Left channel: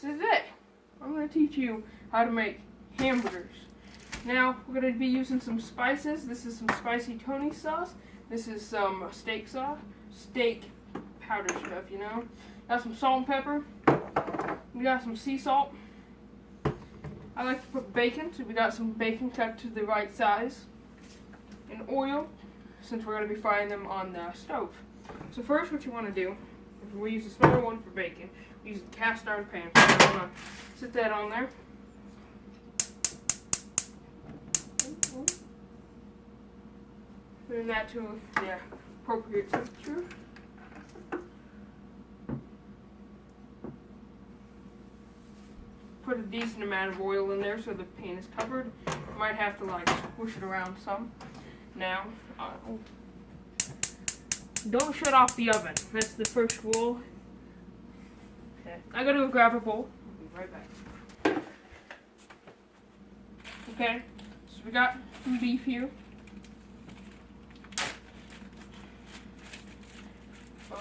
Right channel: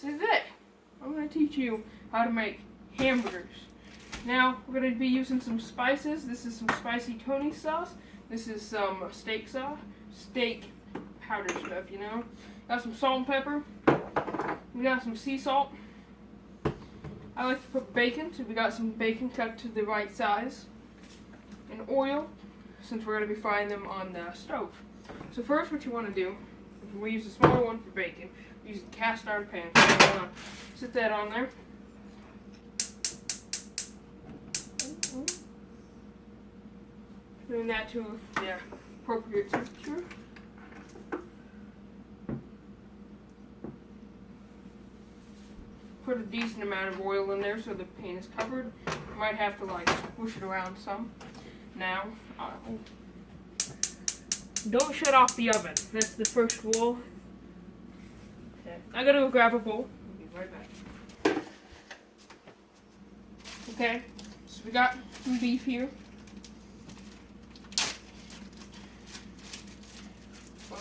So today, I'm going to teach you how to make hamburgers. Now, we're going to be using some spices. This is some spicy Tony sauce. This is some steak sauce, steak powder stuff, you know. Got some salt and pepper. We got some sea salt. I like to put bacon, so we got some bacon cut to the right size. And oil, since we're going to be frying them on the stove. So first what you want to do, we use a smaller one for bacon. We use a cast iron pan. So you want to sit that on there. Turn that to the appropriate temperature. Put a decent amount of oil in there so the pan is covered. You might have to like squish it around some. Now, don't shut off the oven. That's the first rule. Okay, I gotta go grab a bowl. I'll be right back. Okay, so we got some beef here.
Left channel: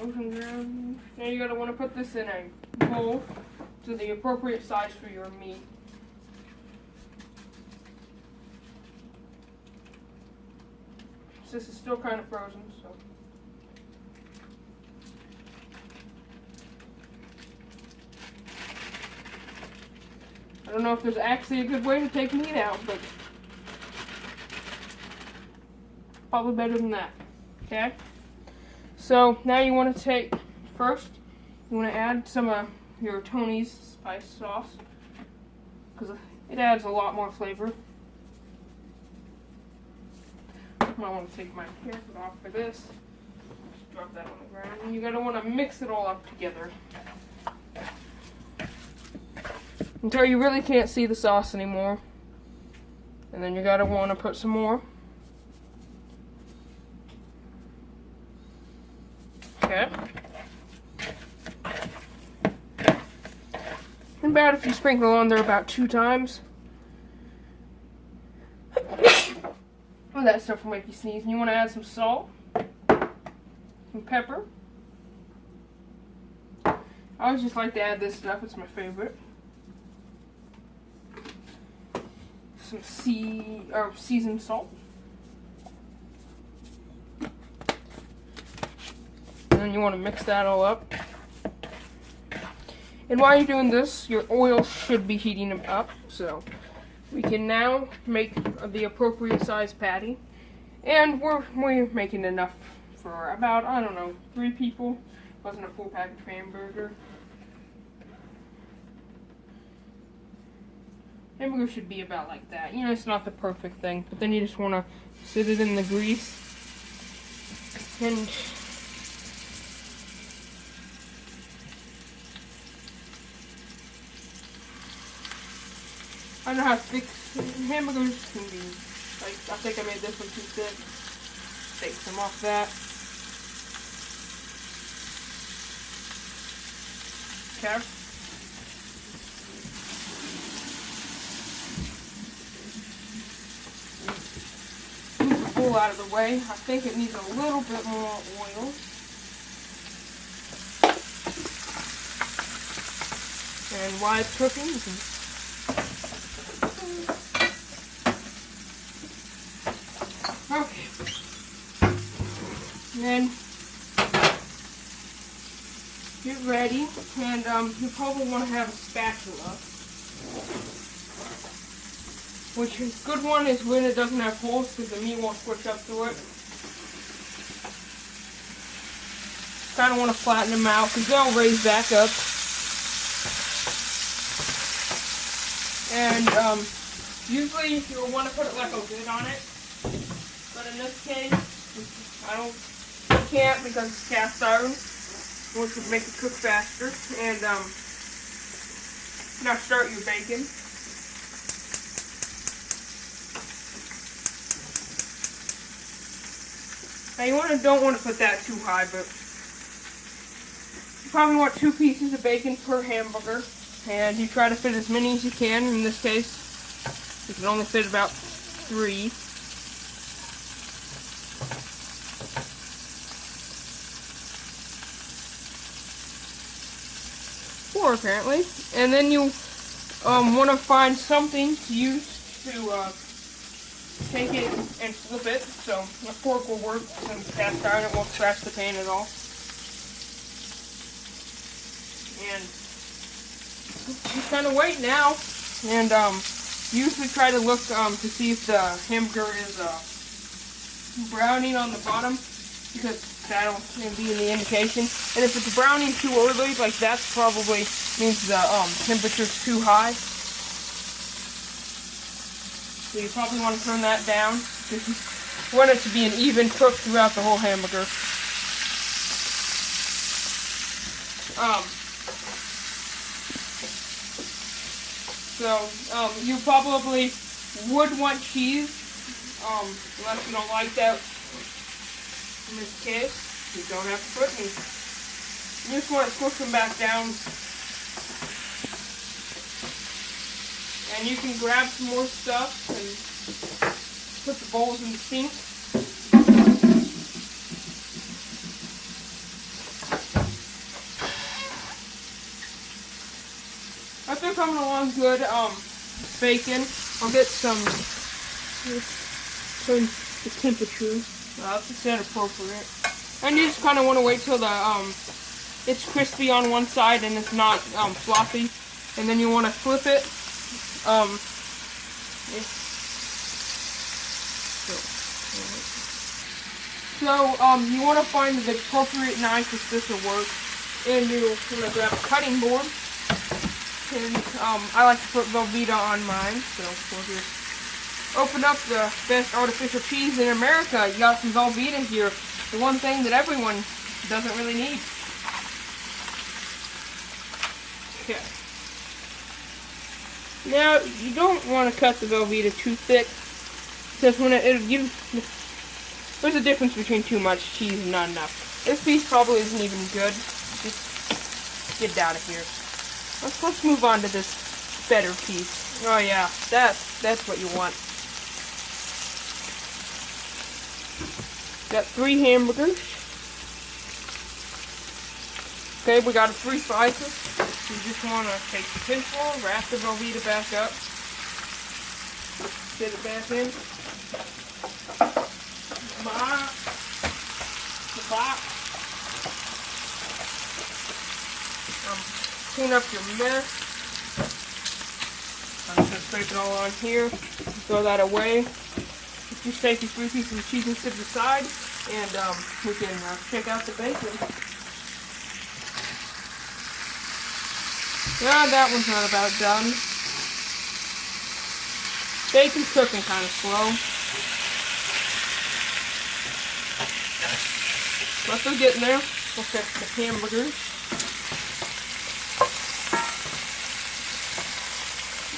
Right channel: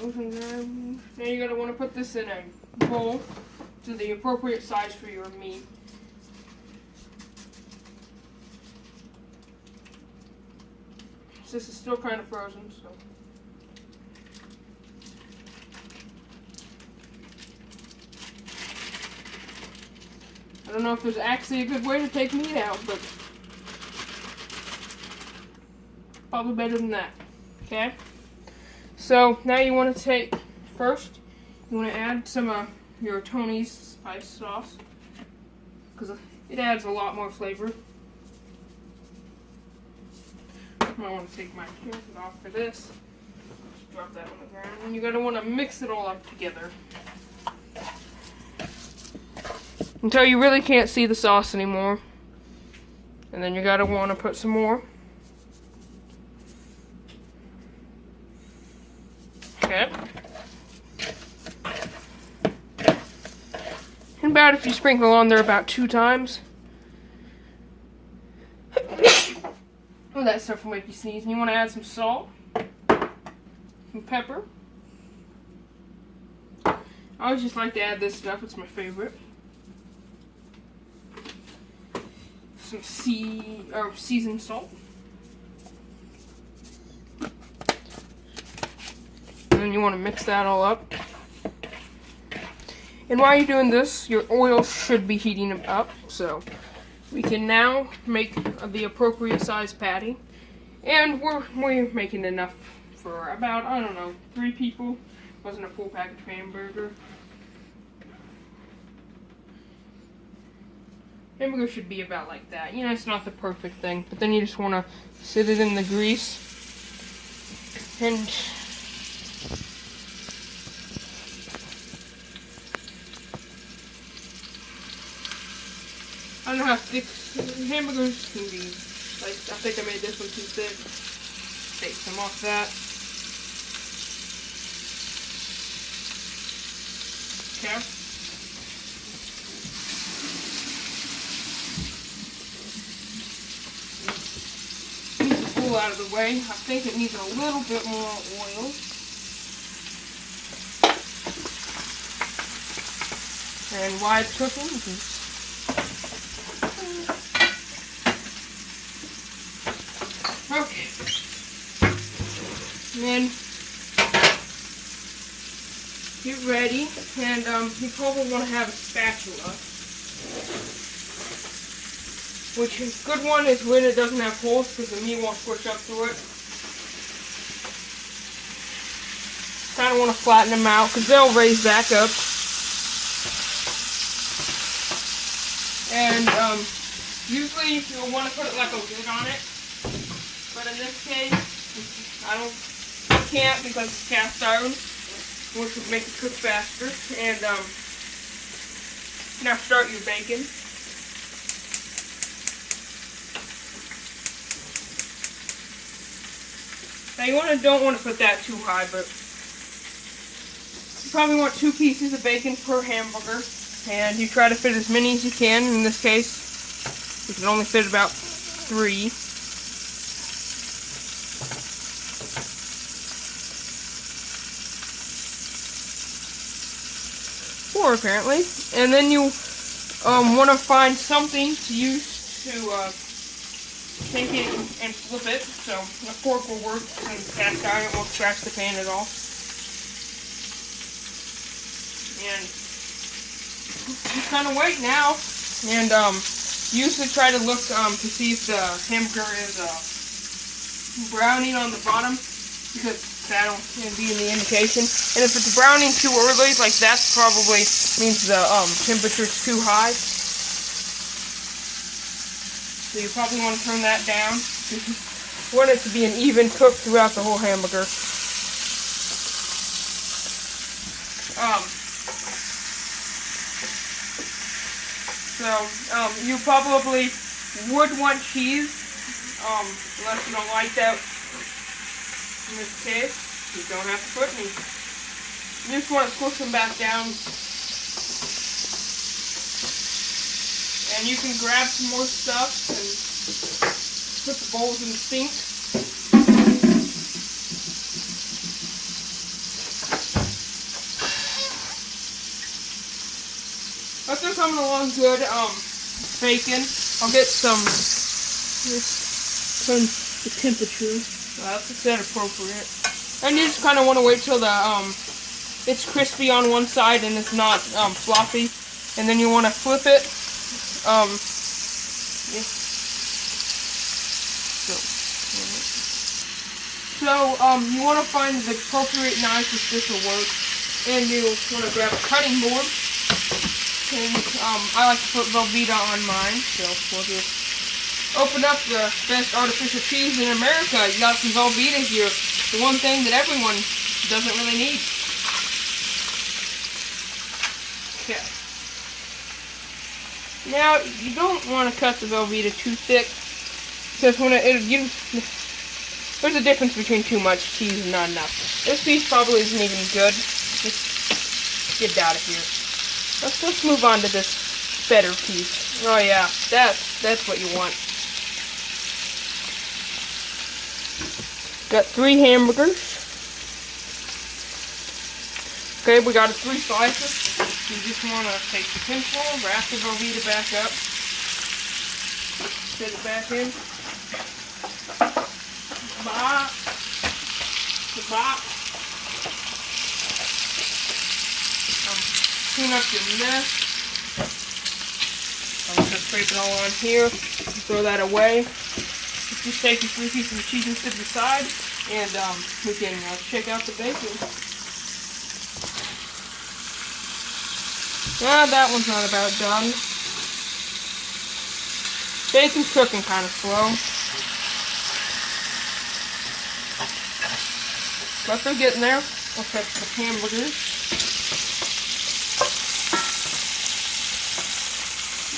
Now you're gonna want to put this in a bowl to the appropriate size for your meat. This is still kind of frozen, so. I don't know if there's actually a good way to take meat out, but probably better than that. Okay? So now you want to take, first, you want to add some of your Tony's spice sauce, because it adds a lot more flavor. I want to take my camera off for this. Just drop that on the ground. And you're going to want to mix it all up together until you really can't see the sauce anymore. And then you're going to want to put some more. Okay. And about if you sprinkle on there about 2 times. Oh, that stuff will make you sneeze. And you want to add some salt, some pepper. I always just like to add this stuff. It's my favorite. Some seasoned salt. And then you want to mix that all up. And while you're doing this, your oil should be heating up. So we can now make the appropriate size patty. And we're making enough for about, I don't know, 3 people. Wasn't a full package hamburger. Hamburger should be about like that. You know, it's not the perfect thing, but then you just want to sit it in the grease. And I don't know how thick hamburgers can be. Like, I think I made this one too thick. Take some off that. Okay. Move the bowl out of the way. I think it needs a little bit more oil. And while it's cooking, you can okay. And then get ready, and you probably want to have a spatula. Which is a good one is when it doesn't have holes, because the meat won't squish up through it. Kind of want to flatten them out, because they'll raise back up. And usually you'll want to put it like a lid on it. But in this case, I can't because it's cast iron, which would make it cook faster. And now start your bacon. Now you don't want to put that too high, but you probably want 2 pieces of bacon per hamburger, and you try to fit as many as you can. In this case, you can only fit about 3. apparently. And then you want to find something to use to take it and flip it. So a fork will work, and cast iron, it won't scratch the pan at all. And just kind of wait now, and usually try to look to see if the hamburger is browning on the bottom, because that'll be in the indication. And if it's browning too early, like that's probably means the temperature's too high. So you probably want to turn that down. You want it to be an even cook throughout the whole hamburger. So you probably would want cheese, unless you don't like that. In this case, you don't have to put any. You just want to squish them back down. And you can grab some more stuff and put the bowls in the sink. But they're coming along good. Bacon. I'll get some. Turn the temperature. That's set appropriate. And you just kind of want to wait till the it's crispy on one side and it's not floppy. And then you want to flip it. So you want to find the appropriate knife if this will work. And you want to grab a cutting board. And I like to put Velveeta on mine, so we'll just open up the best artificial cheese in America. You got some Velveeta here, the one thing that everyone doesn't really need. Okay. Now, you don't want to cut the Velveeta too thick, because when there's a difference between too much cheese and not enough. This piece probably isn't even good. Just get it out of here. Let's move on to this better piece. Oh yeah, that's what you want. Got 3 hamburgers. Okay, we got 3 slices. You just want to take the tinsel, wrap the Velveeta back up, sit it back in. Bop. Bop. Clean up your mess. I'm just going to scrape it all on here. Throw that away. Just take your 3 pieces of cheese and sit aside, and we can check out the bacon. Yeah, that one's not about done. Bacon's cooking kind of slow. But they're getting there. Okay, the hamburgers.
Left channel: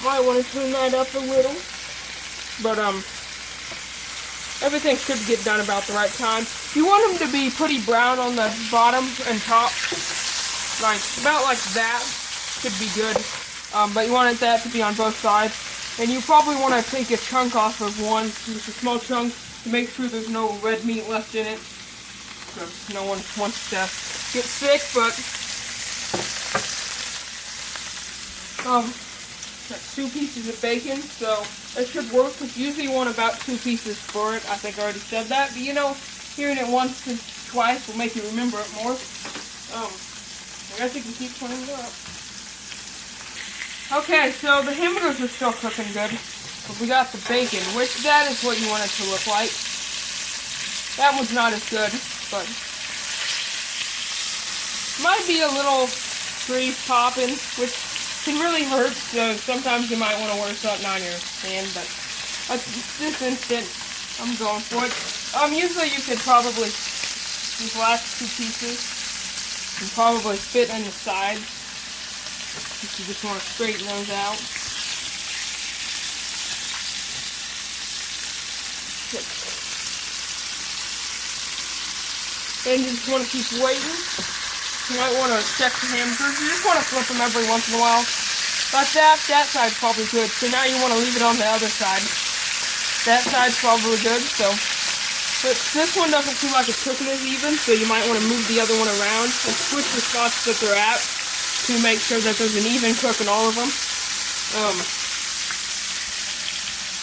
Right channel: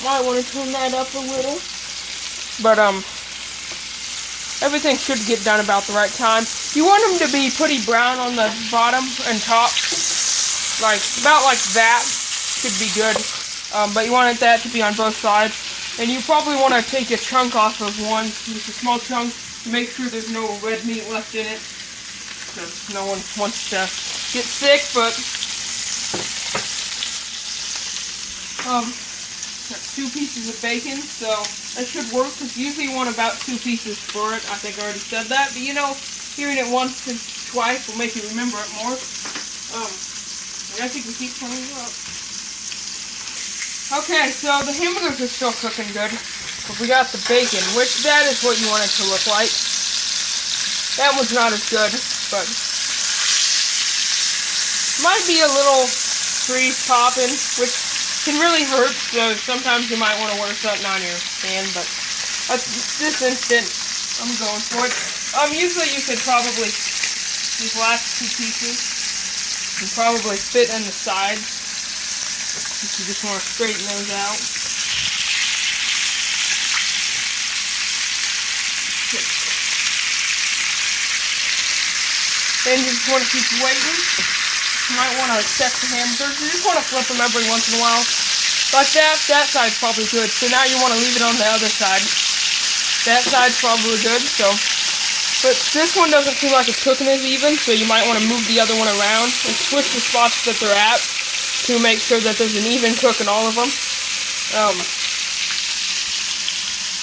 Might want to turn that up a little. But, everything should get done about the right time. You want them to be pretty brown on the bottom and top. Like, about like that should be good. But you want that to be on both sides. And you probably want to take a chunk off of one, just a small chunk, to make sure there's no red meat left in it. Because no one wants to get sick, but... got 2 pieces of bacon, so that should work, because usually you want about 2 pieces for it. I think I already said that, but you know, hearing it once and twice will make you remember it more. I think we keep playing it up. Okay, so the hamburgers are still cooking good, but we got the bacon, which that is what you want it to look like. That one's not as good, but might be a little grease popping, which can really hurt, so sometimes you might want to wear something on your hand, but this instant, I'm going for it. Usually you could probably, these last 2 pieces, can probably fit on the sides, if you just want to straighten those out. Then you just want to keep waiting. You might want to check the hamburgers. You just want to flip them every once in a while. Like that side's probably good. So now you want to leave it on the other side. That side's probably good, so. But this one doesn't feel like it's cooking as even, so you might want to move the other one around and switch the spots that they're at. to make sure that there's an even cook in all of them.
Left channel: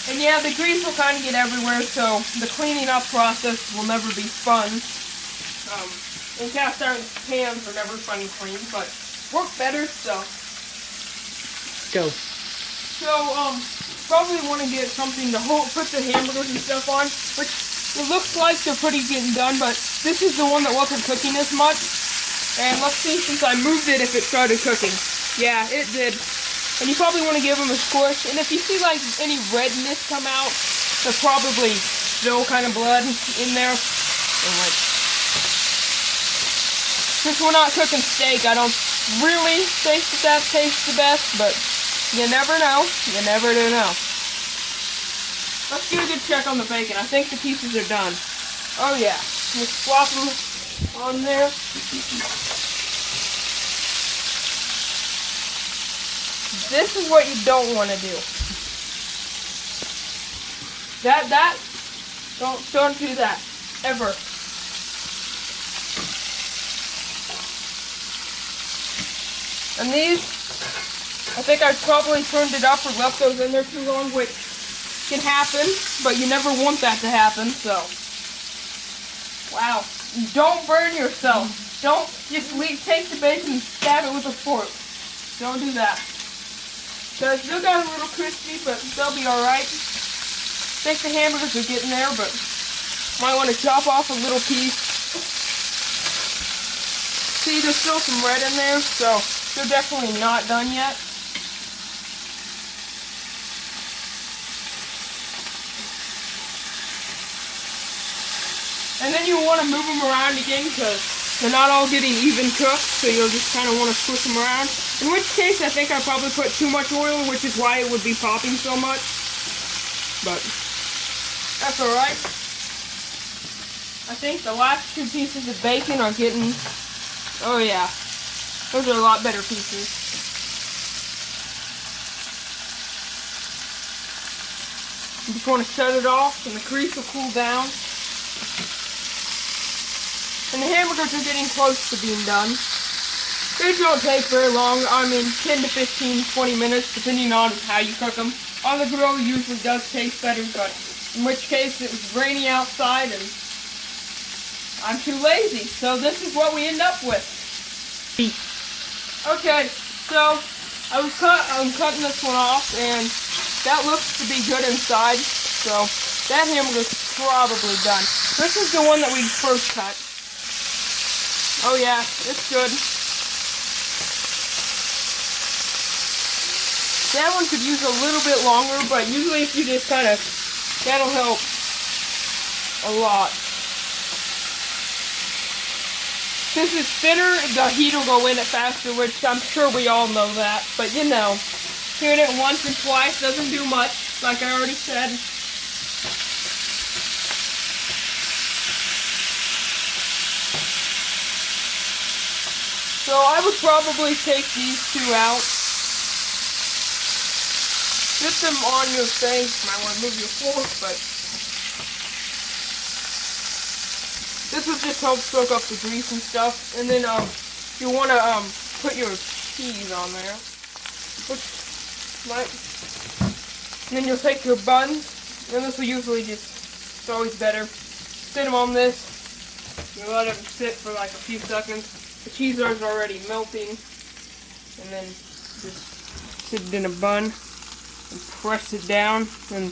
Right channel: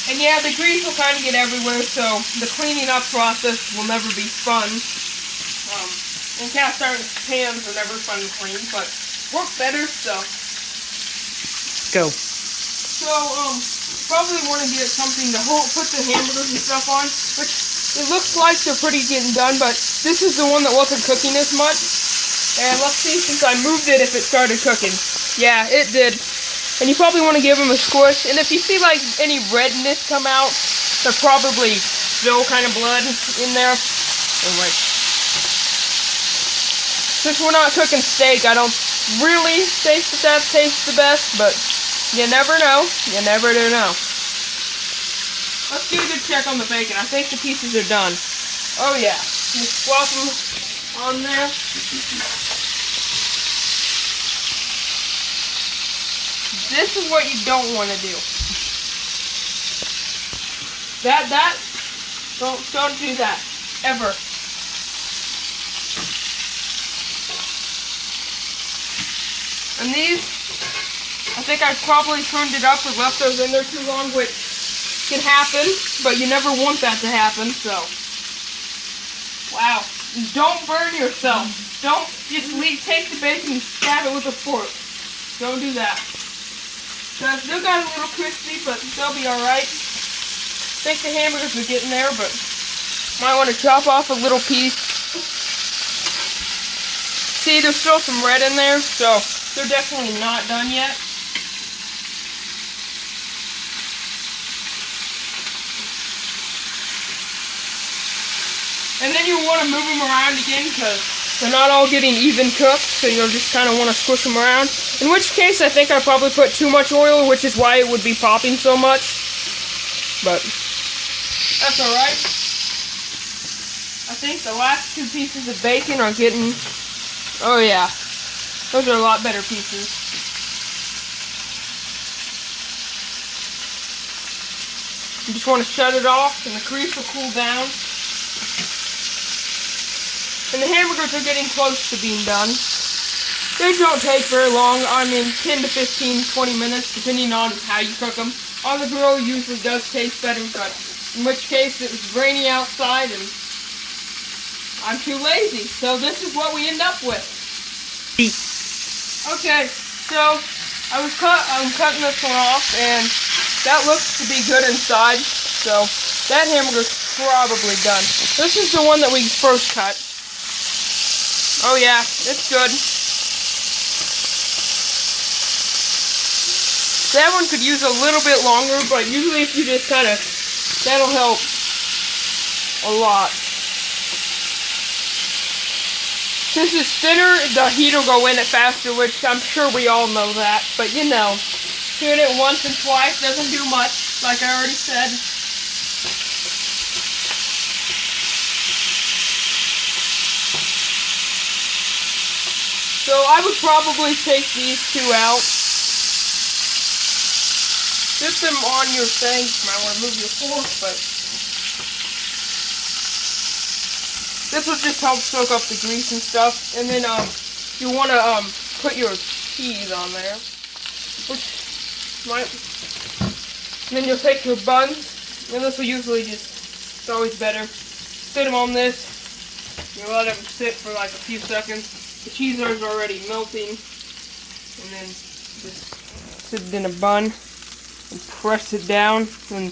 And yeah, the grease will kind of get everywhere, so the cleaning up process will never be fun. And cast iron pans are never fun to clean, but work better, so. Go. So, probably want to get something to put the hamburgers and stuff on, which it looks like they're pretty getting done, but this is the one that wasn't cooking as much. And let's see, since I moved it, if it started cooking. Yeah, it did. And you probably want to give them a squish. And if you see like any redness come out, there's probably still kind of blood in there. And like, since we're not cooking steak, I don't really think that tastes the best, but you never know. You never do know. Let's do a good check on the bacon. I think the pieces are done. Oh yeah. Just swap them on there. This is what you don't want to do. Don't do that. Ever. And these, I think I probably turned it up or left those in there too long, which can happen, but you never want that to happen, so. Wow. Don't burn yourself. Don't just take the bacon and stab it with a fork. Don't do that. So I still got a little crispy, but they'll be alright. I think the hamburgers are getting there, but might want to chop off a little piece. See, there's still some red in there, so they're definitely not done yet. And then you want to move them around again because they're not all getting even cooked, so you'll just kind of want to squish them around. In which case, I think I probably put too much oil, which is why it would be popping so much. But that's alright. I think the last two pieces of bacon are getting, oh yeah, those are a lot better pieces. You just want to shut it off and the grease will cool down. And the hamburgers are getting close to being done. They don't take very long. I mean, 10 to 15, 20 minutes, depending on how you cook them. On the grill usually does taste better, but in which case it was rainy outside and I'm too lazy. So this is what we end up with. Okay, so I'm cutting this one off, and that looks to be good inside. So that hamburger's probably done. This is the one that we first cut. Oh yeah, it's good. That one could use a little bit longer, but usually if you just kind of, that'll help a lot. Since it's thinner, the heat will go in it faster, which I'm sure we all know that. But you know, doing it once and twice doesn't do much, like I already said. So I would probably take these two out. Get them on your thing. You might want to move your fork, but this will just help soak up the grease and stuff. And then you want to put your cheese on there, which might. And then you'll take your buns. And this will usually it's always better. Sit them on this. You let them sit for like a few seconds. The cheese is already melting, and then just sit it in a bun and press it down, and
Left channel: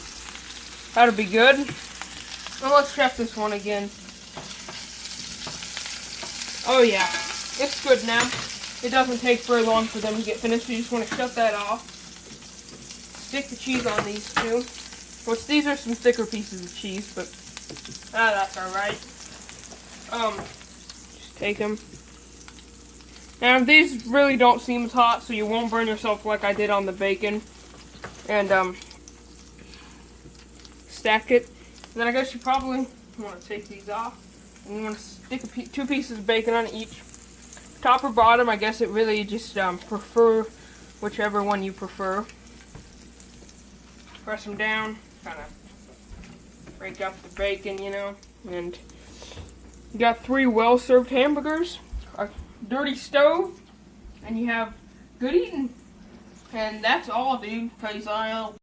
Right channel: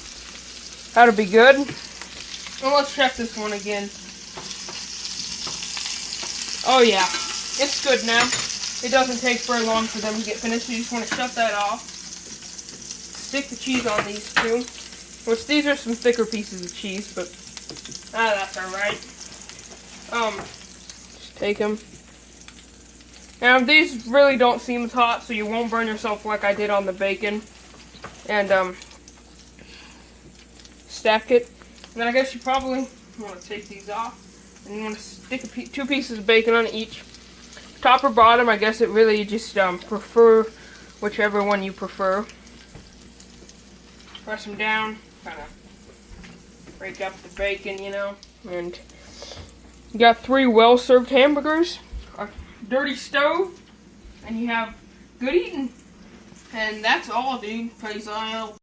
that'll be good. Well, let's check this one again. Oh yeah, it's good now. It doesn't take very long for them to get finished. You just want to shut that off. Stick the cheese on these two. Which these are some thicker pieces of cheese, but that's alright. Just take them. Now these really don't seem as hot, so you won't burn yourself like I did on the bacon. And stack it. And then I guess you probably want to take these off. And you want to stick two pieces of bacon on each. Top or bottom, I guess it really just prefer whichever one you prefer. Press them down, kind of break up the bacon, you know. And you got 3 well-served hamburgers. Our dirty stove. and you have good eating. And that's all, dude. Peace out.